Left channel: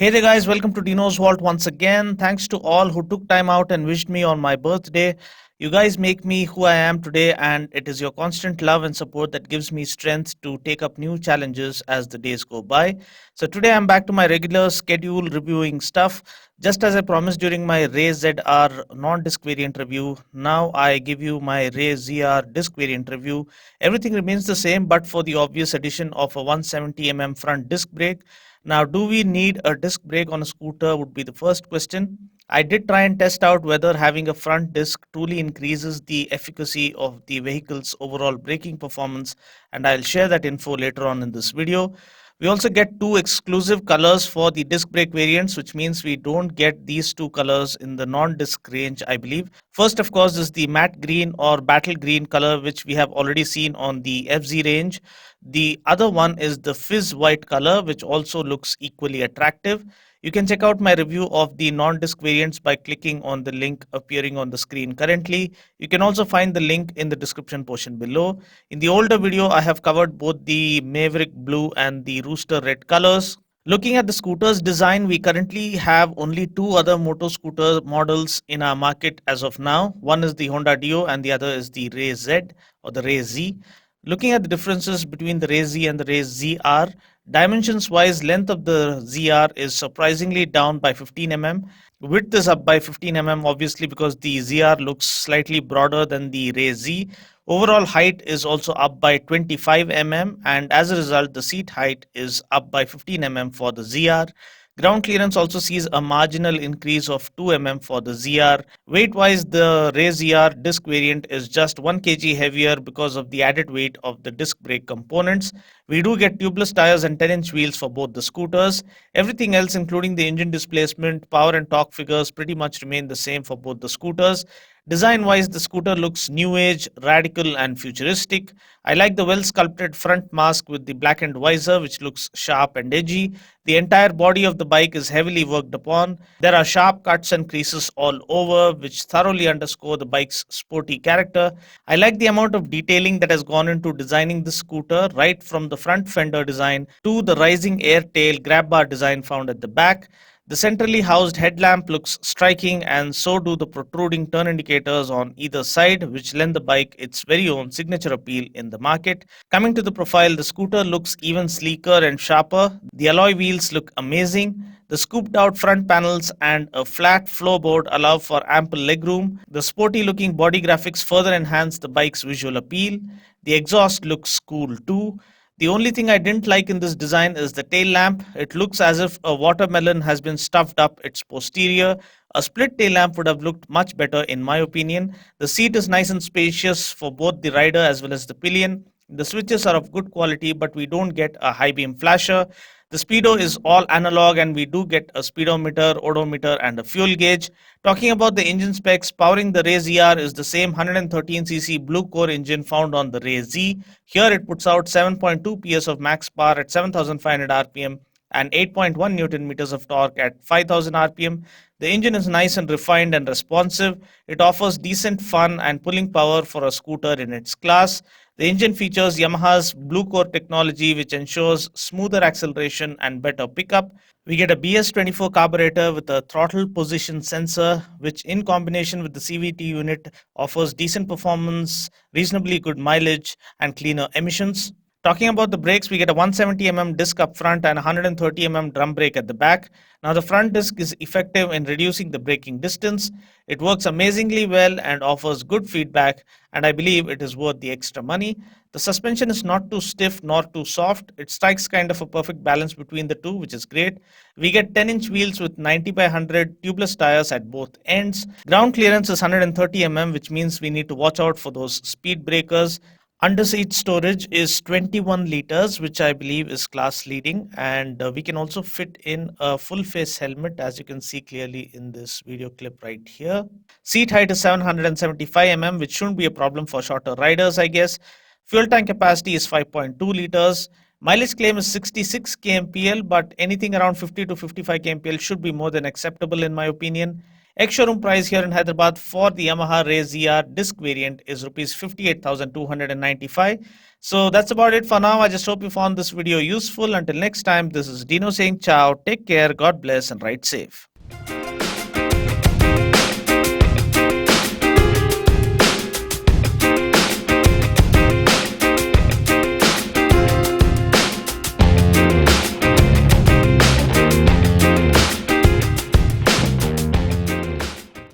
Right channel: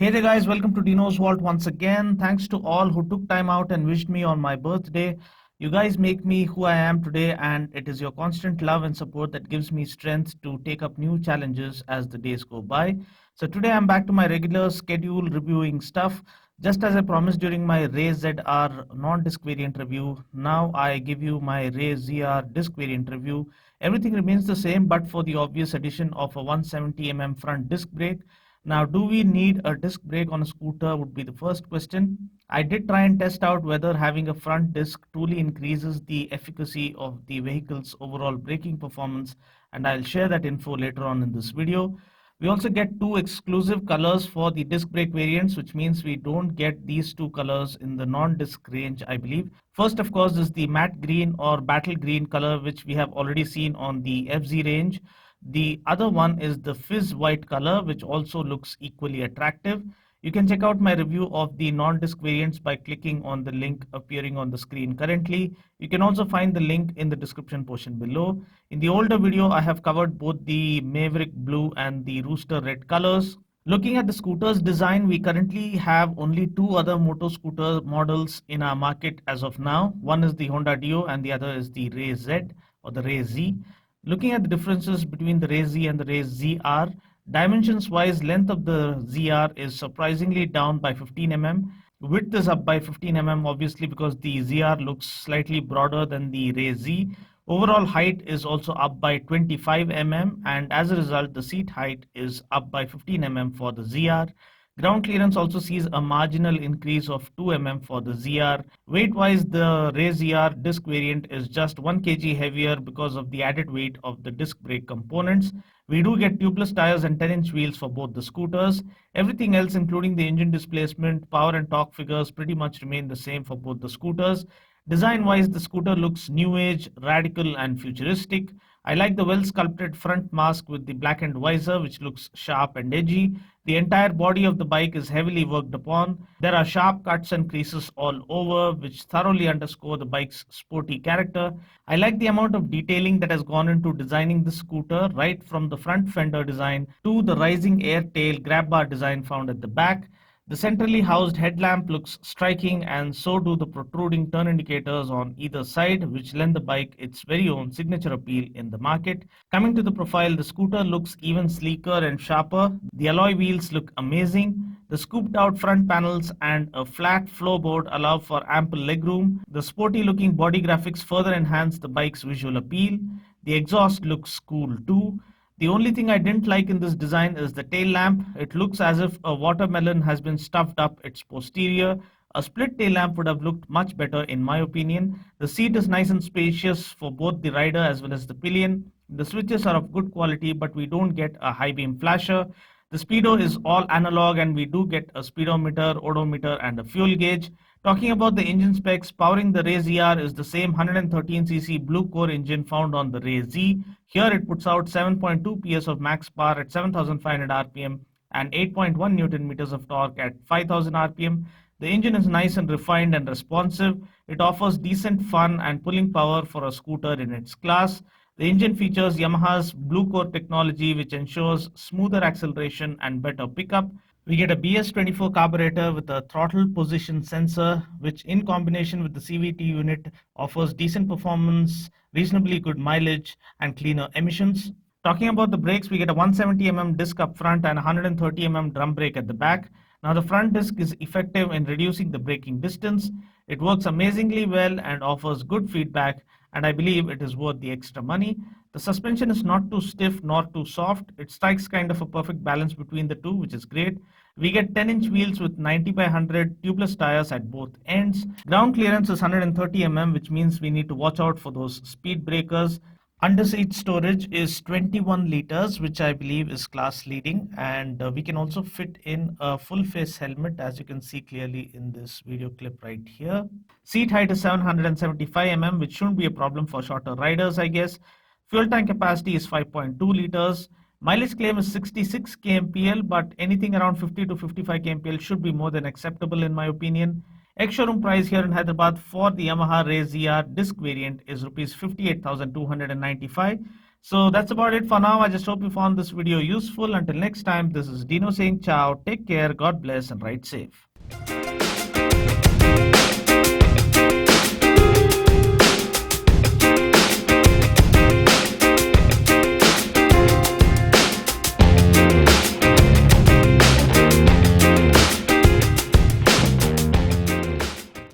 Hey there guys, welcome to Dino's Vault once again. Thanks to all who took time out and wished me on my birthday. You guys make me who I am today, and it is your constant love and support that gives me strength to take up new challenges as the days go by. So today I'm back to my regular schedule reviewing stuff. Just as I promised during my Ray ZR non-disc variant review, now I give you my Ray ZR disc variant review. Everything remains the same but for the obvious addition of a 170 front disc brake. Now, do we need a disc brake on a scooter would be the first question. I did try and test out whether having a front disc truly increases the efficacy of the vehicle's overall braking performance, and I'll share that info later on in this video. We also get two exclusive colors for the disc brake variants, which means we don't get these two colors in the non-disc range, I believe. First, of course, is the matte green or battle green color, which we have already seen on the FZ range. The other one is the Fizz white color, which also looks equally attractive. You can check out my review of the non-disc variants by clicking on the link appearing on the screen currently. You can also find the link in the description portion below. In the older video, I have covered both the Maverick blue and the Rooster red colors. Looking at the scooter's design, we currently have only two other moto scooter models in our market as of now. One is the Honda Dio and the other is the Ray Z or the Ray Z. Looking at the differences between the Ray Z and the Ray ZR, dimensions wise, length of the ZR is surprisingly down by 15 Width is up by 15 obviously because the ZR looks slightly broader than the Ray Z. Overall height is also up by 25 and as a result, the seat height is up by 15 for the ZR. Ground clearance also sees a marginal increase of 2 for the ZR. Weight-wise, the Ray ZR disc variant is just 1 kg heavier because of the added weight of the disc brake components. We do get tubeless tires and 10-inch wheels for both the scooters. Everything else, including the engine displacement, power and torque figures, pretty much remain the same for both the scooters. Design-wise, the scooter looks new age, radical and futuristic. I like the well-sculpted front mask with the blackened visor, which looks sharp and edgy. The entire body of the bike is heavily worked upon. There are sharp cuts and creases all over, which thoroughly underscore the bike's sporty character. I like the amount of detailing that has gone into designing the scooter, right from the front fender design to the rising air tail grab bar design found at the back. The centrally housed headlamp looks striking, and so do the protruding turn indicators on either side, which lend the bike its very own signature appeal in the market. Coming to the profile, the scooter looks even sleeker and sharper. The alloy wheels look amazing. The scooped out front panels and a flat floorboard allow for ample legroom. The sporty looking body graphics further enhance the bike's visual appeal. The exhaust looks cool too. The only thing I didn't like in this design is the tail lamp. It looks as if a watermelon has been stuffed up its posterior. A split tail lamp would have looked much better in my opinion. The seat is nice and spacious for both the rider as well as the pillion. The switches are of good quality, but we don't get a high beam flasher. The speedo is all analog and we do get a speedometer, odometer and a fuel gauge. Talking about the engine specs, powering the Ray ZR is the same 113cc blue core engine found on the Ray Z. Here it puts out 7.2 PS of max power at 7500 rpm and 8.1 Newton meters of torque at 5000 rpm. The engine is nice and refined and responsive. It offers decent fun and pulling power for a scooter in its class. The engine features Yamaha's Blue Core technology, which ensures smoother acceleration and better pickup. We get a BS24 carburetor with a throttle position sensor, which in combination with the CVT unit offers decent performance, reasonably good mileage, and cleaner emissions. Talking about the brakes, we get a 170 disc up front and 130 drum brake at the back. Now the front disc is effective in reducing the braking distance. It works amazingly well and offers good feedback, and I believe it is worth the extra money. The suspension is not too stiff nor too soft. It strikes kind of a perfect balance between the two, which is great. We get 10-inch wheels with 90 by 100 tubeless tires at both ends. Ground clearance is 130 which means we need to watch out for those speed breakers. Underseat storage is 21 liters, which I believe is class leading, and we can also fit in a full face helmet, as you can see clearly in this video clip right here. Seat height is 775 which shouldn't be a problem for shorter riders, I guess. Fuel tank capacity is 5.2 liters. Mileage claim is 66 kmpl, but anything around 50 to 55 kmpl should be more than acceptable in my opinion. Ex-showroom price here in Hyderabad for the Yamaha Ray ZR disc variant is rupees 58,295. So that's about it for now. I just hope you found this video useful. Until next time, this is Dino saying ciao, take care, God bless, and ride safe.